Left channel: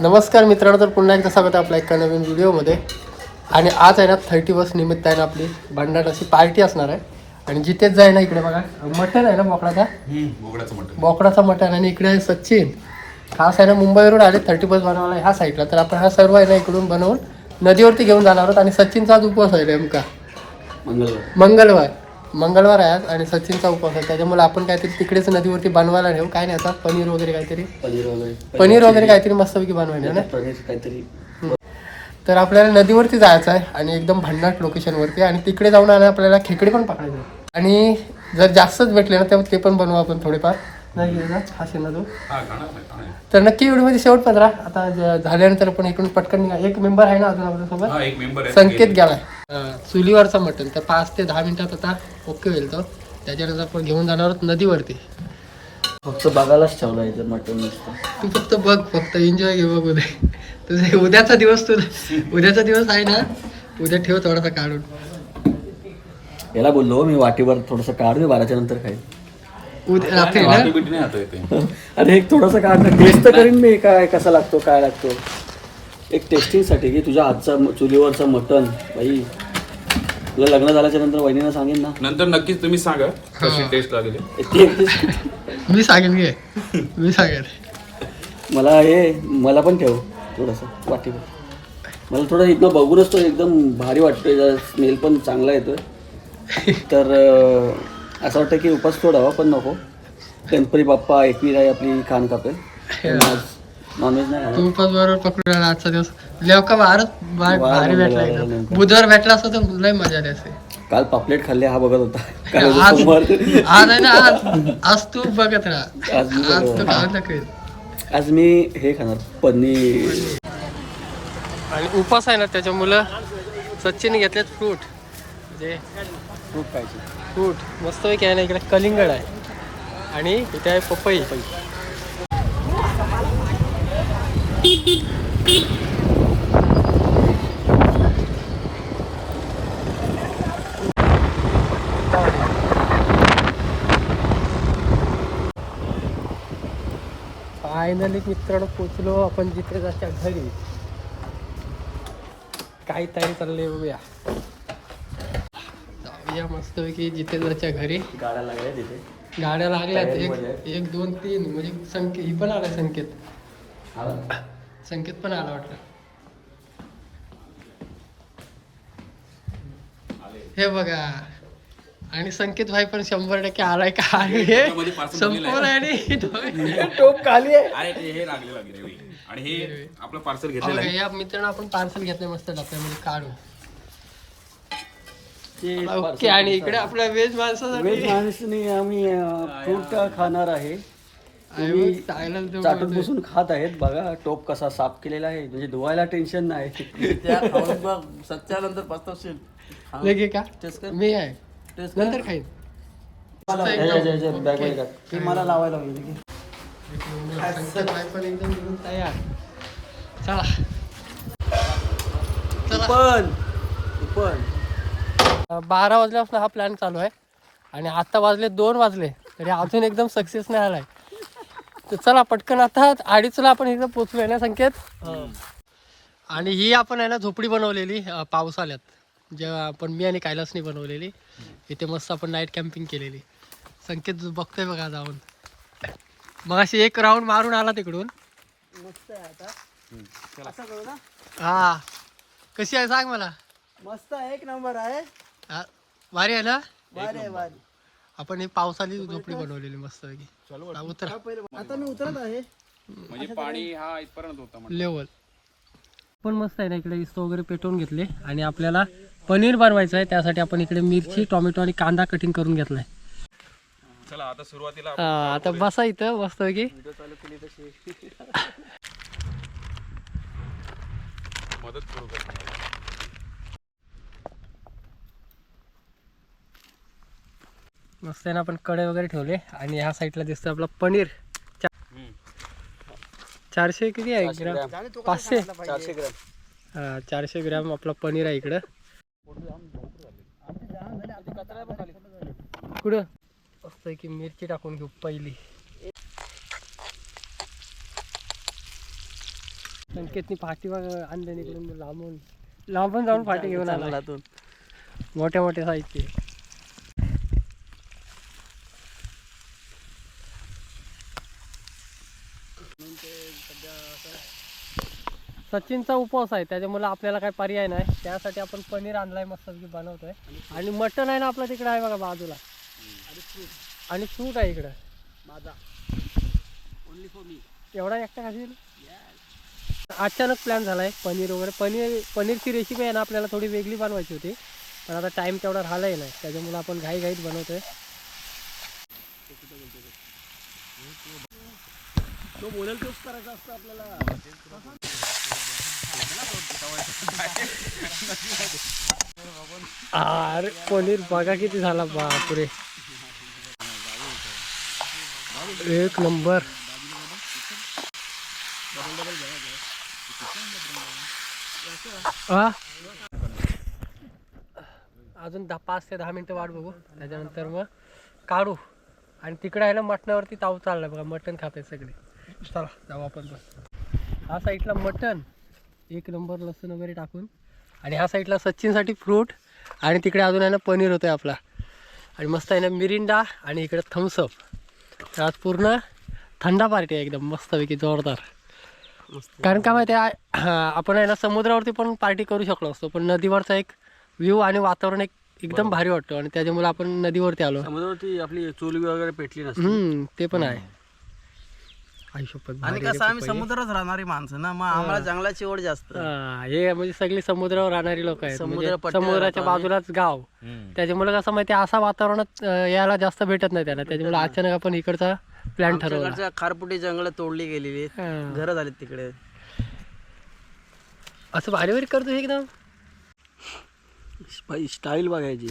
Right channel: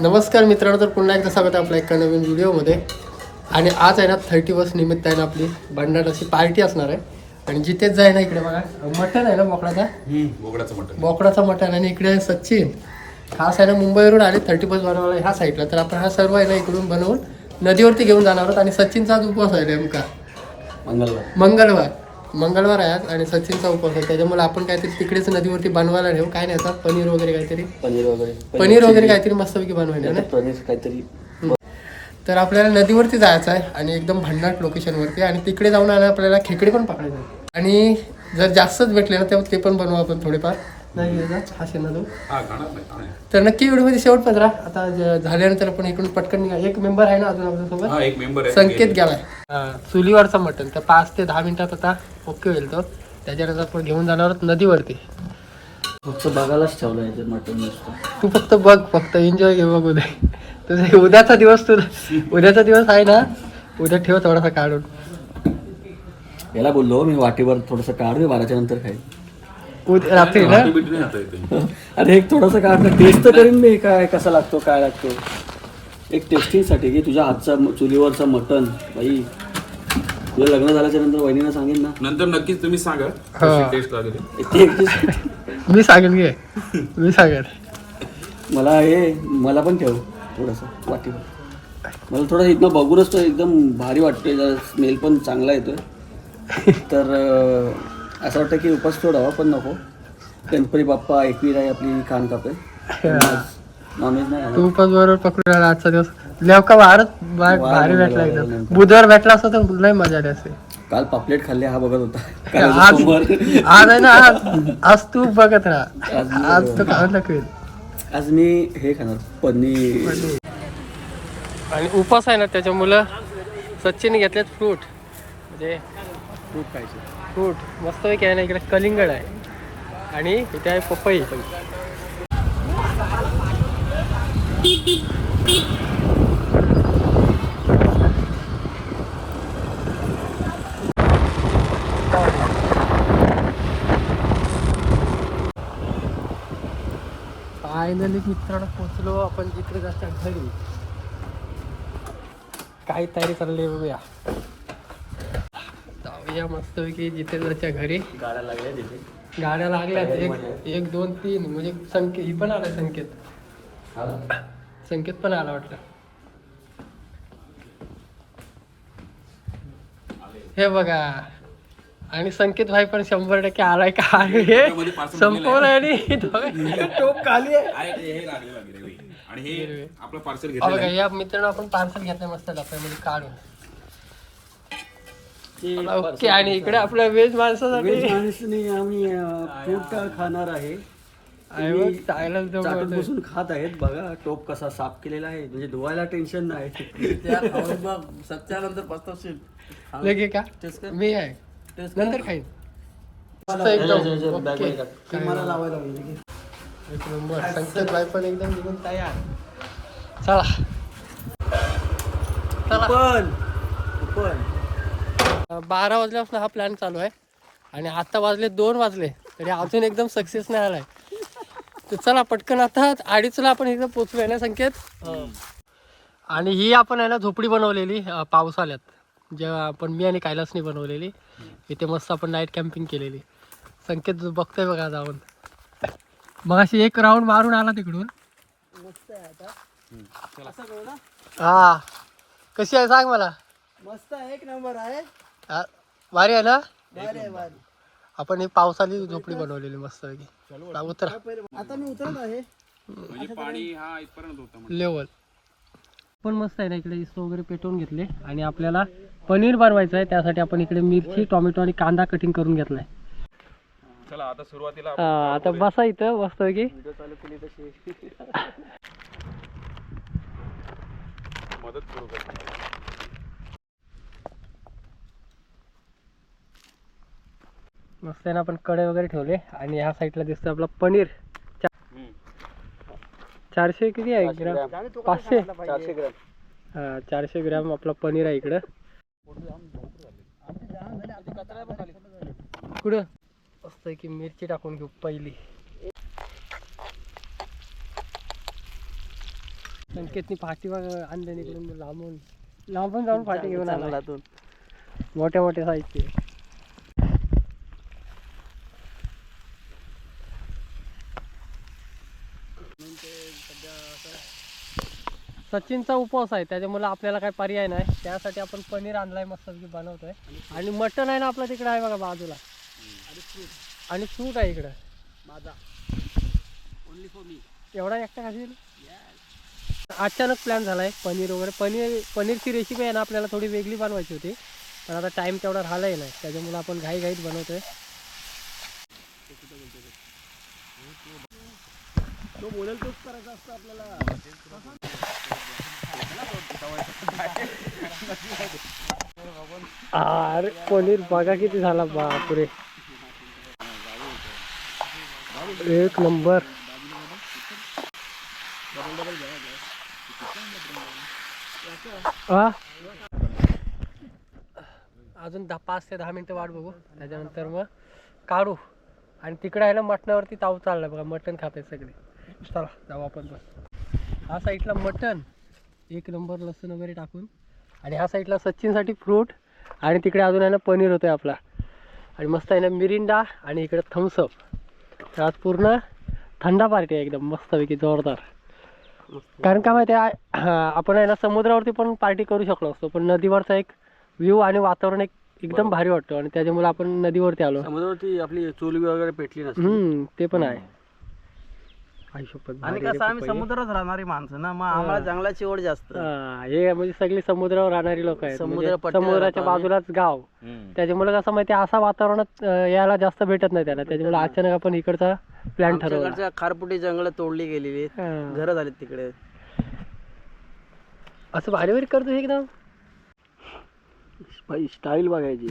नमस्कार मित्रांनो तर पुन्हा एकदा स्वागत आहे आपल्या एका नवीन व्हिडिओमध्ये. आणि आज आहे ना थर्टी वर्ष निमित्त आहे ना आपली भांडार अशी पार्टी असणार आहे. आणि जिथेच जाय ना इकडे बघा. मटण आहे ना बोकडाचा? बोकडाचं मटण. बोकडाचा मटण आणि इकडे आहे सचिन खास आहे ना मुंबईवरून आले थर्टी फर्स्ट बनवायला ह्या साईडला तर आपण हा सर्व आहे ना इकडून बनवून नदीवरती घेऊन जाणार आहोत. आणि सचिनचा आज उपवास आहे नेमका. मंगलवार मंगळवार. मंगळवार आहे आज आणि सचिनचा उपवास आहे. त्याच्यामुळे आपण काहीतरी तिकडेच नदीवरती बनवायला नेऊ. काय नाही आता पनीर वगैरे काहीतरी. पनीर वगैरे. पनीर वगैरे काहीतरी मस्तपैकी बनवायला ना? पनीर काहीतरी. तर आपल्याला नदीवरती जायचं आहे आणि एकदम भन्नाट लोकेशनवरती आणि तिकडे जाऊन आलं आपल्याला खेकडे पण पकडायचं. आणि जर जास्तच भेटले ना तेव्हा ते पण बनवू आपण थोडेफार. नाही हा शेणा तो तर नक्की व्हिडिओमध्ये शेवट पण राहा आता ज- झाल्यानंतर आपण इकडून पटकन निघा. एक मेंबर आहे ना अजून आपल्यासोबत हा एक मेंबर आहे. संकेत गेलाय. हा, चुलीवरचा मटण. तर पाच ते दहा मिनिटात आता ओके होईल तो. त्याच्यानंतर आपण घेऊन जाणार आहोत नदीवरती. फक्त बघायलाच ठेवलं आहे मटण नुसतं. तू फक्त बघ फक्त एन्जॉय घे बघ उद्या. तुझा उद्याचा दिवस तुझा. उद्याचा दिवस आहे ना? उद्या ठेव थोडासा काढून. याला बोललो मी वाटीवर थोडस काढ मी बाराच्या नंतर खाईल उद्या रात्री ना? अरे एक थोडस काढ टेस्ट तर करीन मी. काय कसा लागतो काय लागतो? एक टेस्टिंगसाठी की तुझ्या हातचा म- चुलीवरचं मटण. बाई तुला लग्न झाल्याच्यानंतर वहिनीनं सांगेन ना. नंतर नक्कीच तुम्ही सांगा. कशी टेस्ट लागली? ते- मी सांगेन घे. मी सांगेन. मला हे मला पण ठेव थोडंसं वाटीवर मला थोडं इथनं बघूनच तो एकदम भारी वाटतोय. जरा स्मेल पण चांगला येतोय. तर अं, असं वाटतं की उपास सोडावा पण नको. गणपती बाप्पा एकवीर आहे आपली खान कापे. नॉनव्हेज नाही खाणार. तू पण बरोबर पकडून आला आजचा दिवस. लेवका वारच वार भारी भेटला मंगळवार एकदम. नेमका. बुधवार भेटला असता तर लय मजा आली असते. काल पापलेट खाल्ले हा बघत होता. काल आज सोमवार. आज आहे ना आज आज तू बघत राहा. आज मी आज तू राहा. आज मी हे खाणार पनीर. आणि उपास आहे ना त्याच्यामुळं सचिन घेतलेत फ्रूट. म्हणजे खूप खायचे. फ्रूट मस्त आहे ना इकडे कलिंगड आहे. आणि इथे आहे पपई. फायनली मित्रांनो पोचलो आपण जिकडे जास्त घरी. काही तयारी चालली बघूया. मस्तपैकी जिथे जायच्या घरी. गाड्या लागल्या तिथे. गाड्या लागल्यात एक एक दोन तीन. म्हणजे संकेत ही पण आला संकेत. संकेत पण आला वाटतं. हे बघा. आणि संकेत भाई पण शंभर टक्के आलाय का? हे संपवलं आणि टोप खाली आहे. अरे ते हे लागले लागले आणि हे हिरवे. आपलं पार्सल हा घेतलेलं बघा आहे. या मित्रांनो आपण पार्सल घेतलंय मस्त डब्यामध्ये काढून. ओके आणि इकडे आपल्या व्हेज वेज माणसासाठी? माणसाने आम्ही फ्रूट खाणार आहे. बोलतोय. बसून खात आहेत. बघा टोप कसा साफ केलेला आहे. म्हणजे धुवायला टेन्शन नाही. सत्यानंतर पस्तावशील लगे का? टेस्ट कर. मी आहे. नंतर खाईन. मला लावायला की एक नंबर. संकेत पण एकदम निघून तयार. चला. चला. पण पण बारा वाजल्यापासून हा प्लॅन चालू आहे. आणि आता वाजले दोन वाजले तरी अजून एकदम सक्सेस नाही आलाय. तर चला पटकन आता अडीचला आपण इकडे पोचलोय ना संकेत? आणि ही आपण आहे ना झोपडी बनवलेली अं, पावसाळ्यात. जेव्हा आपण मी आणि कैलासनी बनवलेली. इथे मस्त आपण नाईट कॅम्पिंग केलेली. संकेत जो बघतोय बघा जाऊन मग अशी एक राऊंड मारून आला तिकडून. हा. कशी आहे सांग मला. मस्त एक नंबर आहे. हा, भारी आहे ना? आहे आपण ही पावसाली झोपडी बनवलेली मस्त उतरा. आता मी उतरत आहे. म्हणजे पाणी हा इथपर्यंत होता लेवल पण मस्त आहे ना इकडे इस्तो वगैरे पेटवून घेतले. आणि आपल्याला पनीर बनवायचं आहे. त्यासाठी आपण इकडे मिरची टोमॅटो आणि कांदा कटिंग करून घेतलाय. चला आता सुरुवातीला हा, आता बसा इथं मस्त की मदत करू मस्त आहे ना आपण कडे वगैरे ठेवले. आणि ह्या साईडला दिसतं आपलं पनीर. चारशे किती आहे? ग्राम. पाचशे. चारशे ग्रॅम. हा, चारशे ग्रॅम आपलं पनीर आहे इकडं. कुठं? मस्त की मिरची टाकून घेऊ पहिली. संकेतनी फाटी आणले इकडून लांबून लांबून जाऊन फाटी घेऊन आला. जंगलातून. मोठ्या मोठ्या साईजचे सचिनचा उपवास आहे त्याच्यामुळे आपल्याला काही पर्याय नाही. त्यासाठी आपण पनीर आणलाय मस्त बनवतोय. आणि मटन आहे ना आपलं तिकडे आहे बघा बाजूला. आणि फ्रूट आहे इकडं. माझा. ओनली फॉर मी एवढा एकटा खाशील? अचानक प्लॅन झालाय पनीर वगैरे. पनीर पनीरची रेसिपी आहे ना आपल्याला थोडी वेगळी बनवायची होती. पण आता टाइम तेवढा राहिलाही नाही त्याच्यामुळे आपण घाई घाईत बनवतोय. तो बोलेल तोच करायचा असतं आपल्याला. अरे पनीर बघा किती झाला बापरे. एक नंबर. हा अजून दहा पाच ते दहा मिनटं वाट बघू. त्याच्यानंतर मग काढू. आणि तिकडे आहे ना मटणावरती ताव चाललाय बघा मटण आहे सगळे. चला जाऊ आपण पण. हा साईडला मटण. एक नंबर लसूण वगैरे टाकून. आणि ह्या साईडला सचिनसाठी फ्रूट आणि तिकडे अजून आहे ना पनीर होतोय आपला. आणि मस्त आहे ना मिरिंडा आणि इकडे थम्सअप तर आज पूर्ण थंडा पार्टी आहे एकदम मस्तपैकी जोरदार. कारण का माहिती आहे हा, आपण आहे ना समुद्रावरती पण पार्टी करू शकलो असतो पण नदीवरचा एक व्ह्यू आणि वातावरण एक एकदम भारी वाटतो आणि त्याच्यामुळे आपण नदीवरती आलो. समुद्रावरती आपली चोली वगैरे पेटली हम्म ते पण आहे. आयुष्यपत आणि कसं आम्ही समुद्रात राहणारी माणसं ना मग आम्हाला जंगलाची ओढ जास्त. हे म्हणजे सगळी समुद्रावर राहणारी लोक आहेत. समुद्र म्हणजे पट्ट्यावर समुद्राच्या. बाजूलाच गाव. त्याच्यामुळे कसं माहिती असा वातावरणात यायला जास्त भेटत नाही त्याला. त्याच्यामुळे अचानक आपण इकडचा प्लॅन ठरवला. खारपुटी जंगल तोडली गेलेली. घरं झालीत तिकडे. असं भारी भारी करतो हे एकदम. स्टाईल बघायची.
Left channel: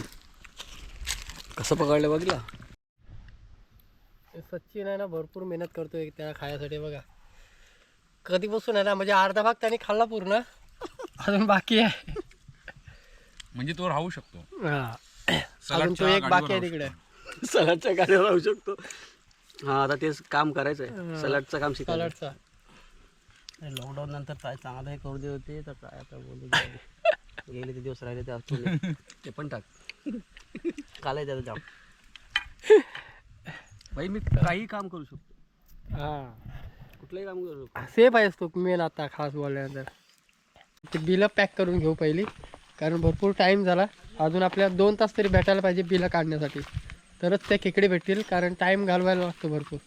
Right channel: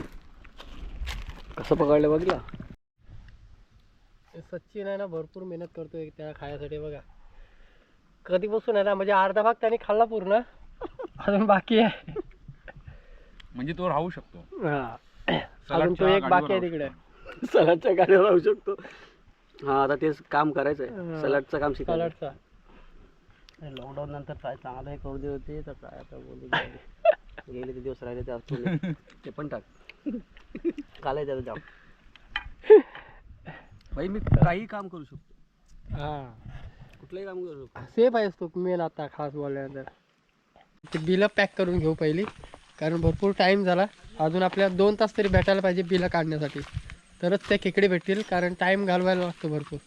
कसं पकडलं बघला सचिन आहे ना भरपूर मेहनत करतोय त्या खाण्यासाठी बघा. कधीपासून आहे ना म्हणजे अर्धा भाग त्याने खाल्ला पूर्ण. अजून बाकी आहे. म्हणजे तो राहू शकतो. हा. अजून सलाडच्या तो एक बाकी आहे गाडीवर तिकडे. सलाडच्या गाडीवर राहू शकतो. हा आता तेच काम करायचं आहे सलाडचं काम शिकायचं सलाडचा. लॉकडाऊन नंतर काय चांगलं हे करू दे होते तर काय आता बोलू. गेले ते दिवस राहिले ते आजचे ते पण टाक. काल आहे त्याचं जाम बाई मी काही काम करू शकतो. हा. कुठलंही काम करू शकतो. सेफ आहेस तू मेन आता खास बोलल्यानंतर. ते बिलं पॅक करून घेऊ पहिली. कारण भरपूर टाईम झाला. अजून आपल्याला दोन तास तरी भेटायला पाहिजे बिलं काढण्यासाठी. तरच त्या खेकडे भेटतील. कारण टाईम घालवायला लागतो भरपूर.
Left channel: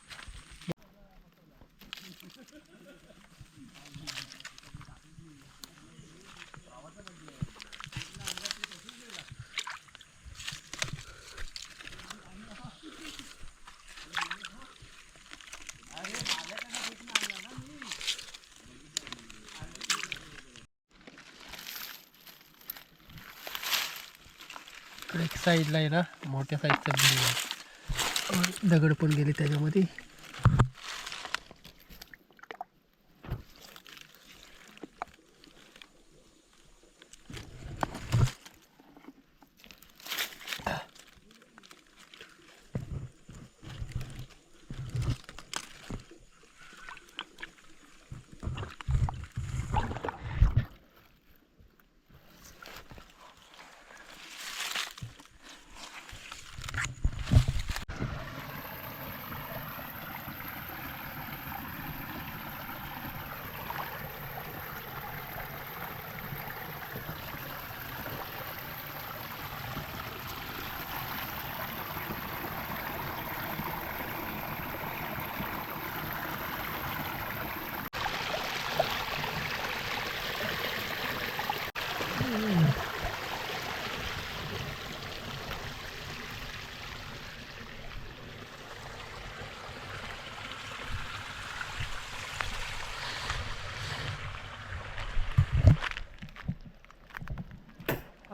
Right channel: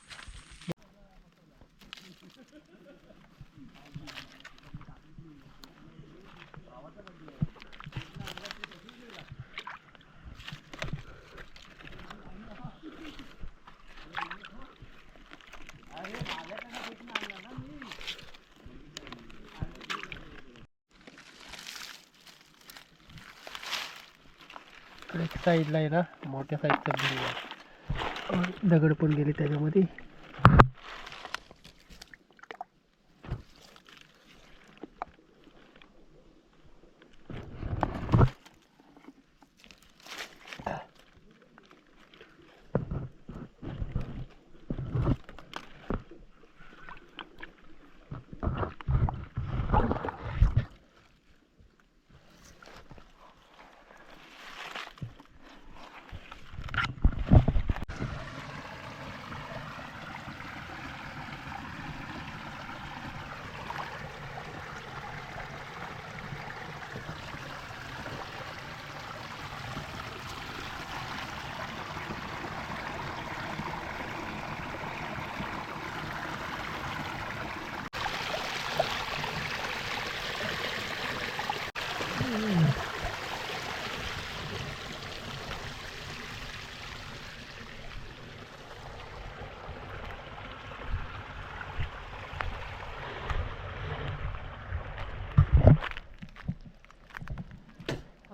इकडे एक साईडला आहे ना मोठ्या साईजचा दगड पण गेले त्याच्यामध्ये.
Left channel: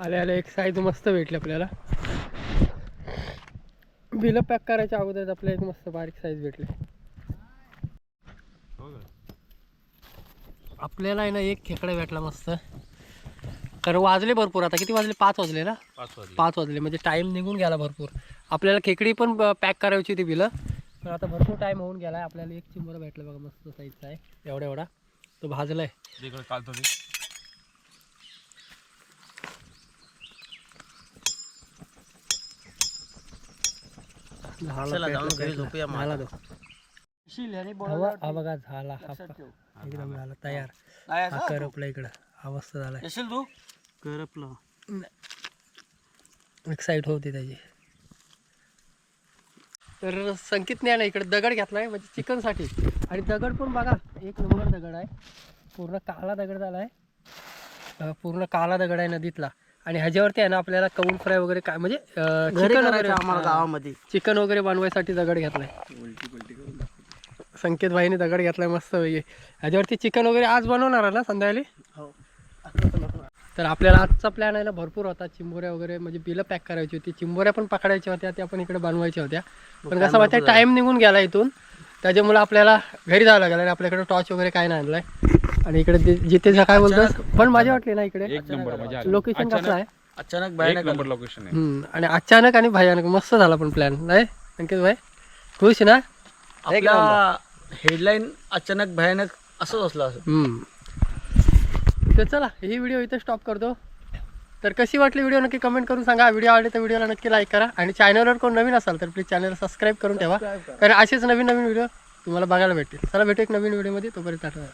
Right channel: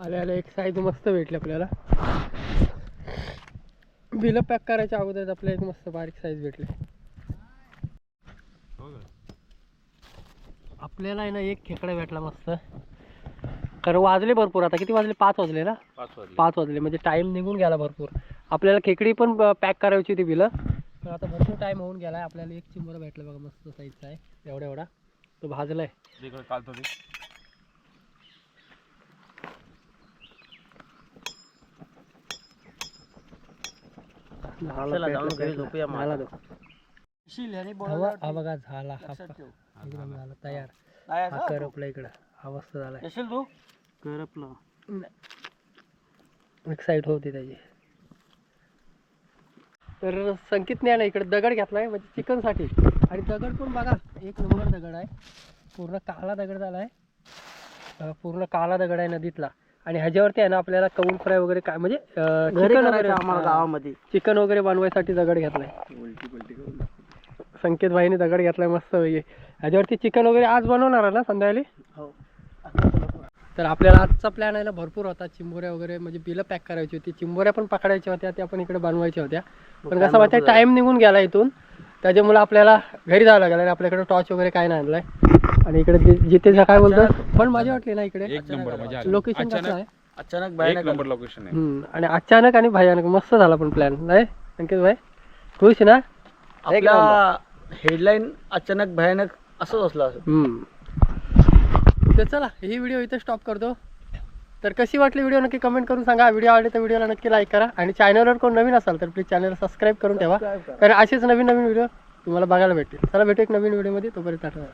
आले आले एक साईज मस्त भेटली आपल्याला. बिलं पॅक करायच्या अगोदर आपल्याला एक मस्त बारीक साईज भेटली. आपल्याला आहे ना एक खेकडा भेटला मस्त. कारण वाजले भरपूर आता. किती वाजले? पाच वाजले ना? पाच वाजले. म्हणजे टाईम निघून गेला भरपूर. आपल्याला खेकडी पण पॅक करायची होती बिलं. पण आता भरपूर टाईम होऊन गेला आहे आपल्याला एक चिंबर भेटलं बघा मस्त साईजचा आहे. एवढा एवढा. तो भाजला आहे तिकडे चालतो ते चला जाऊन घरी झोपूया मग. झाला तो हवा हा बघा झाला हा एकदम झाला तयार. हा करपला इकडं. झालाय. येशील तू. करपलं. एक्साईट होती त्याची. तर संकेतने ना इकडे दगड घेतलाय म्हणजे चिकनसाठी. आणि दगड पण बघा एक नंबर दगड आहे. पूर्ण काळा दगड झाला आहे पूर्ण काळा दगड आहे नदीतला. आणि ह्याच्यावरती आहे ना आपल्याला कौन फ्राय वगैरे काय म्हणजे चिकन करायचं वगैरे आम्हाला गावामध्ये. चिकन वगैरे बनवायसाठी दगड घेतलाय. संकेत भाईने दगड घेतलाय मस्त पैकी. ह्याच्यावरती चिकन वगैरे आज बनवणार आहे ना संध्याकाळी? हो. तर आपल्याला आजचा प्लॅन आहे ना भरपूर होता. चिंबोऱ्या वगैरे म्हणजे बिलं पॅक करायची होती. चिंबोऱ्या पण पकडायच्या होत्या त्या पण इकडे बनवायच्या होत्या. पण कसं माहिती टाइम निघून गेला इथून. त्याच्यामुळे आपल्याला घरी जावं लागलं आणि आपल्याकडे टॉर्च वगैरे काय नाही आणलाय. आणि इकडे जि- जिथे जा काय बोलतोस पण मजा वाटली ना इकडे. एक नंबर मजा आली. लोकेशन कसं आहे? अचानक एक नंबर लोकेशन आहे. हम्म. आणि अचानक आणि भयानक. मस्त झाला पण प्लॅन नाही? अंकित भाई खुश ना? आपला हेडलाईन अचानक भयानक असंच असलं असं. हम्म. तर चला ही व्हिडिओ इथे स्टॉप करतो. तर कशी वाटली व्हिडिओ नक्की कमेंट करून सांगा. व्हिडिओ आवडले तर व्हिडिओला नक्की लाईक करा. आणि चॅनलवर कोण नवीन असाल तर प्लीज चॅनल सबस्क्राईब करून ठेवा. कारण असेच नवीन नवीन व्हिडिओ तुम्हाला बघायला भेटतील. चला भेटू एक नवीन व्हिडिओमध्ये तोपर्यंत टाटा